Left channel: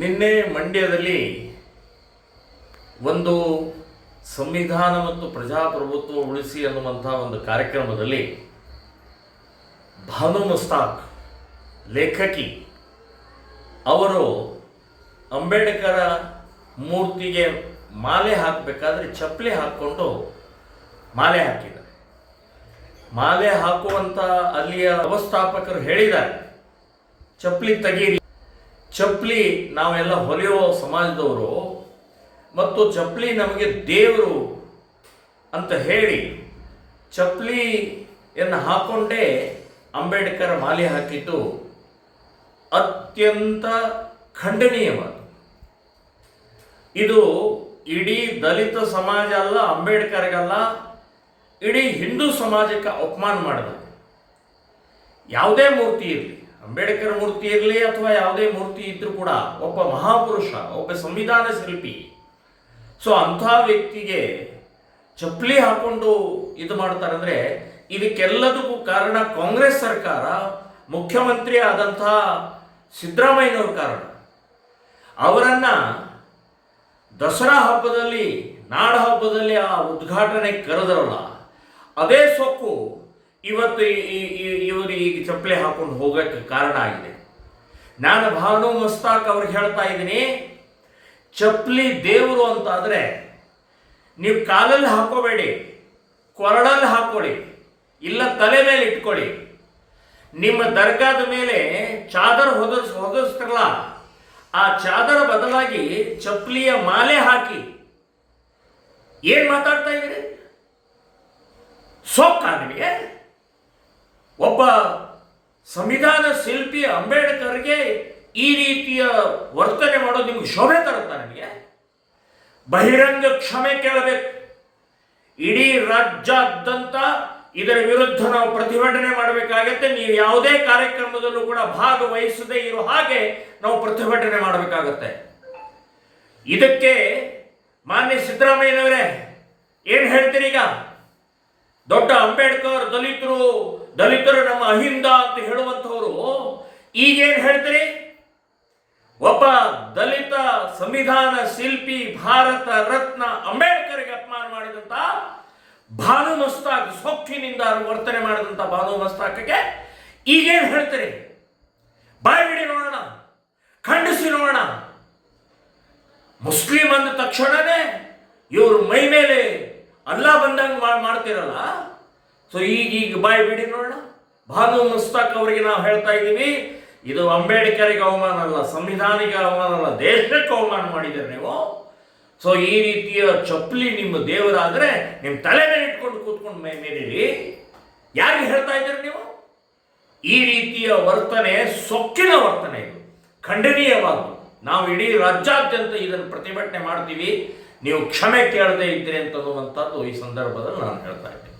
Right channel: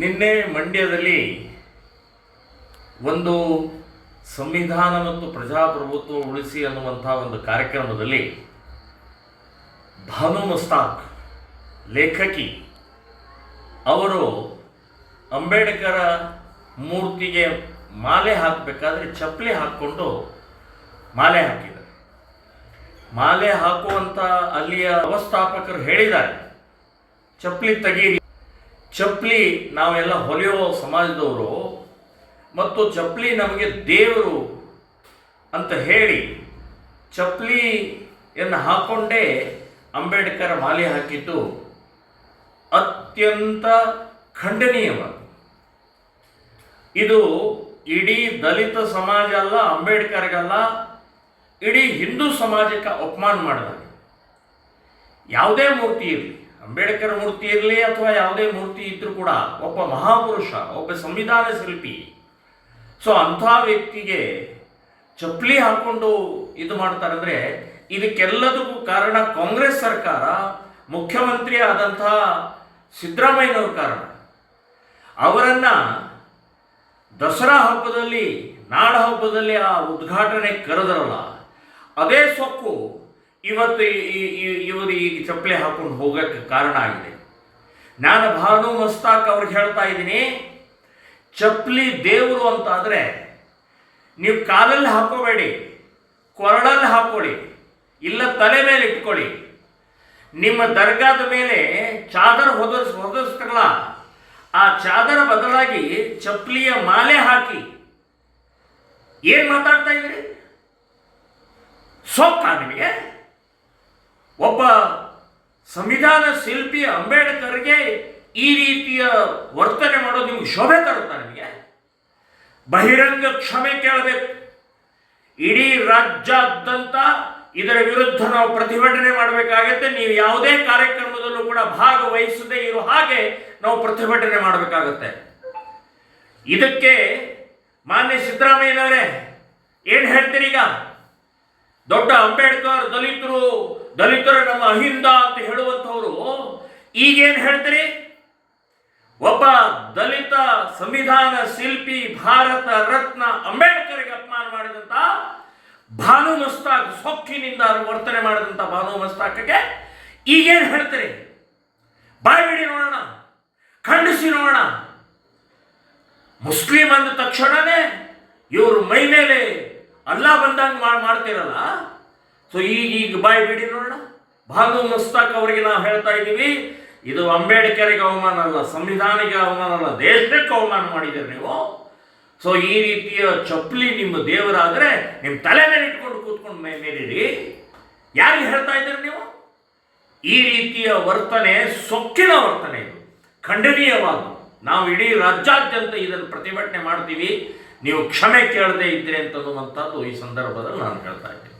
ನಿನ್ನೆ ಮಂಡ್ಯದಲ್ಲಿ ಒಂದು ಸಂವಿಧಾನ ಮತ್ತು ಪ್ರಜಾಪ್ರಭುತ್ವ ಉಳಿಸಿ ಅನ್ನುವಂಥ ಒಂದು ಕಾರ್ಯಕ್ರಮದಲ್ಲಿ ಭಾನು ಮುಸ್ತಾಕ್ ಲೇಖಕಿ ಅವರು ಅಂಬೇಡ್ಕರ ಮೂರ್ತಿಗೆ ಮಾಲೆ ಹಾಕಬೇಕಾದ್ರೆ ಚಪ್ಪಲಿ ಹಾಕ್ಕೊಂಡು ಮಾಲೆ ಹಾಕಿದ್ದಾರೆ. ಮಾಲೆ ಹಾಕುವಂಥ ಅಲ್ಲಿಯ ವ್ಯವಸ್ಥಾಪಕರು ಹೇಳಿದ್ದಾರೆ, ಚಪ್ಪಲಿ ತೆಗೀರಿ, ಚಪ್ಪಲಿ ನಾವೆಲ್ಲ ಹೊಲಿಯೋ ಸಮಾಜದವರು ಮತ್ತು ಚಪ್ಪಲಿ ನಮಗೆ ದೇವರು ಅಂತ ಹೇಳಿ ಚಪ್ಪಲಿಯನ್ನು ಹಾಕ್ಕೊಂಡೇ ಅಂಬೇಡ್ಕರ್ ಮಾಲೆ ಹಾಕಿದ್ದು ಅತ್ಯಂತ ಖಂಡನೀಯವಾದ. ಇದು ಇಡೀ ದಲಿತ ಸಮಾಜ ಅಲ್ಲ, ಅಂಬೇಡ್ಕರ್ಗಲ್ಲ, ಇಡೀ ಹಿಂದೂ ಸಮಾಜಕ್ಕೆ ಅಪಮಾನ ಮಾಡಿದಾಗ. ಯಾವುದೇ ಮೂರ್ತಿ ಇರಲಿ, ಅಂಬೇಡ್ಕರ್ ಮೂರ್ತಿ ಇರಲಿ ಅಥವಾ ಯಾವುದೇ ಮೂರ್ತಿ ಇದ್ರೂ ಕೂಡ ಒಬ್ಬ ಮಹಾಪುರುಷ, ಒಬ್ಬ ಸಂವಿಧಾನ ಶಿಲ್ಪಿ. ಸೊ ಅಂಥ ವ್ಯಕ್ತಿಗೆ ಚಪ್ಪಲಿ ಹಾಕ್ಕೊಂಡು ಇದು ಮಾಡ್ತಾರಂದರೆ ಇದಕ್ಕೆಲ್ಲದಕ್ಕೂ ಕಾರಣ ಕಾಂಗ್ರೆಸ್ ಸರ್ಕಾರ, ಮುಖ್ಯಮಂತ್ರಿ ಆದಂಥ ಸಿದ್ದರಾಮಯ್ಯನವ್ರ ಕಾರಣ. ಅವರನ್ನು ದಸರಾ ಹಬ್ಬದಲ್ಲಿ, ನಾಡ ಹಬ್ಬದಲ್ಲಿ ಆ ಉದ್ಘಾಟನೆ ಕರೆದರಲ್ಲ, ಅದೇ ಸೊಕ್ಕು ಇವತ್ತು ಇವರು ಈಗ ಚಪ್ಪಲಿ ಹಾಕೊಂಡು ಹೋಗೋಕ್ಕೆ ಕಾರಣ ಆಗಿದೆ. ನಾನು ಭಾನು ಮುಸ್ತಾಕ್ ಅವ್ರಿಗೆ ಹೇಳ್ತಾ ಇದ್ದೀನಿ, ಚಪ್ಪಲಿ ದೇವರು ಅಂತಾದರೆ ನೀವು ಕಾಲಲ್ಲಿ ಹಾಕೋಬೇಡಿ, ಕೊರಳಲ್ಲಿ ಹಾಕೊಳ್ಳಿ, ಇಲ್ಲ ತಲೆ ಮೇಲೆ ಇಟ್ಕೊಳ್ಳಿ. ನಿಮ್ಮ ದರ್ಗಾದ ಮೇಲೆ ಚಾದರ್ ಹೊದಿಸ್ತಾರಲ್ಲ, ಆ ಚಾದರ ಬದಲಾಗಿ ಚಪ್ಪಲಿಯ ಮಾಲೆ ಹಾಕಿ. ಏನು ಮಾತಾಡ್ತಾ ಇದ್ದೀರಿ? ಸೊಕ್ಕ ನಿಮಗೆ? ಒಬ್ಬ ಸಂವಿಧಾನ ಶಿಲ್ಪಿ ಅಂಬೇಡ್ಕರ್ಗೆ ಈ ರೀತಿಯ ವರ್ತನೆ ಮಾಡೋದು ನಿಮ್ಗೆ ಶೋಭೆ ತರುತ್ತಾ? ನಿಮಗೆ ಬಹಿರಂಗ ಕ್ಷಮೆ ಕೇಳಬೇಕು. ಇಡೀ ರಾಜ್ಯಾದ್ಯಂತ ಇದರ ವಿರುದ್ಧ ನಾವು ಪ್ರತಿಭಟನೆ ಮಾಡಬೇಕಾಗತ್ತೆ. ನೀವು ಯಾವುದೇ ಕಾರ್ಯಕ್ರಮದಲ್ಲೂ ಕೂಡ ಭಾಗವಹಿಸದೇ ಇರೋ ಹಾಗೆ ನಾವು ಪ್ರತಿಭಟನೆ ಮಾಡಬೇಕಾಗತ್ತೆ. ಇದಕ್ಕೆ ಮಾನ್ಯ ಸಿದ್ದರಾಮಯ್ಯನವರೇ ಏನು ಹೇಳ್ತೀರಿ? ಈಗ ದೊಡ್ಡ ಅಂಬೇಡ್ಕರ್ ದಲಿತರು ನಮ್ಮ ಅಹಿಂದ ಅಂತ ಹೇಳುವಂಥವರು ಈಗೇನು ಹೇಳ್ತೀರಿ? ಒಬ್ಬ ದಲಿತ ಸಂವಿಧಾನ ಶಿಲ್ಪಿ, ಭಾರತ ರತ್ನ ಅಂಬೇಡ್ಕರ್ಗೆ ಅಪಮಾನ ಮಾಡಿದಂಥ ಭಾನು ಮುಸ್ತಾಕ್, ಸೊಕ್ಕಿನಿಂದ ವರ್ತನೆ ಮಾಡಿದಂಥ ಭಾನು ಮುಸ್ತಾಕ್ಗೆ ಈಗೇನು ಹೇಳ್ತೀರಿ? ಬಾಯಿ ಬಿಡಿ ನೋಡೋಣ, ಖಂಡಿಸಿ ನೋಡೋಣ. ಮುಸ್ಲಿಂ ಅಂದ ತಕ್ಷಣನೇ ಇವರು ಮೈ ಮೇಲೆ ಅಲ್ಲ ಬಂದಂಗೆ ಮಾಡ್ತಿರಲ್ಲ. ಸೊ ಈಗ ಬಾಯಿ ಬಿಡಿ ನೋಡೋಣ. ಭಾನು ಮುಸ್ತಾಕ್ ಅವರಿಗೆ ನಾವು ಹೇಳ್ತಾ ಇದ್ದೀವಿ, ಇದು ಅಂಬೇಡ್ಕರ್ಗೆ ಅವಮಾನ ಅಲ್ಲ, ಸಂವಿಧಾನಿಗೆ ಅವಮಾನ ಅಲ್ಲ, ದೇಶಕ್ಕೆ ಅವಮಾನ ಮಾಡಿದ್ದೀರಿ ನೀವು. ಸೊ ಈ ರೀತಿಯ ಚಪ್ಪಲಿ ನಿಮ್ಮ ದೇವರಾದರೆ ನಿಮ್ಮ ತಲೆ ಮೇಲೆ ಇಟ್ಕೊಂಡು ಕೂತ್ಕೊಂಡು ಮೇಲಿರಿ. ಯಾರಿಗೆ ಹೇಳ್ತಾ ಇದ್ದೀರಿ ನೀವು? ಈ ರೀತಿಯ ವರ್ತನೆ ಸೊಕ್ಕಿನ ವರ್ತನೆ, ಇದು ಖಂಡನೀಯವಾದ. ನಾವು ಇಡೀ ರಾಜ್ಯಾದ್ಯಂತ ಇದನ್ನು ಪ್ರತಿಭಟನೆ ಮಾಡ್ತೀವಿ. ನೀವು ಕ್ಷಮೆ ಕೇಳದೇ ಇದ್ದೀರಿ ಅಂತನ್ನುವಂಥದ್ದು ಈ ಸಂದರ್ಭದಲ್ಲಿ ನಾನು ಹೇಳ್ತಾ ಇದ್ದೀನಿ.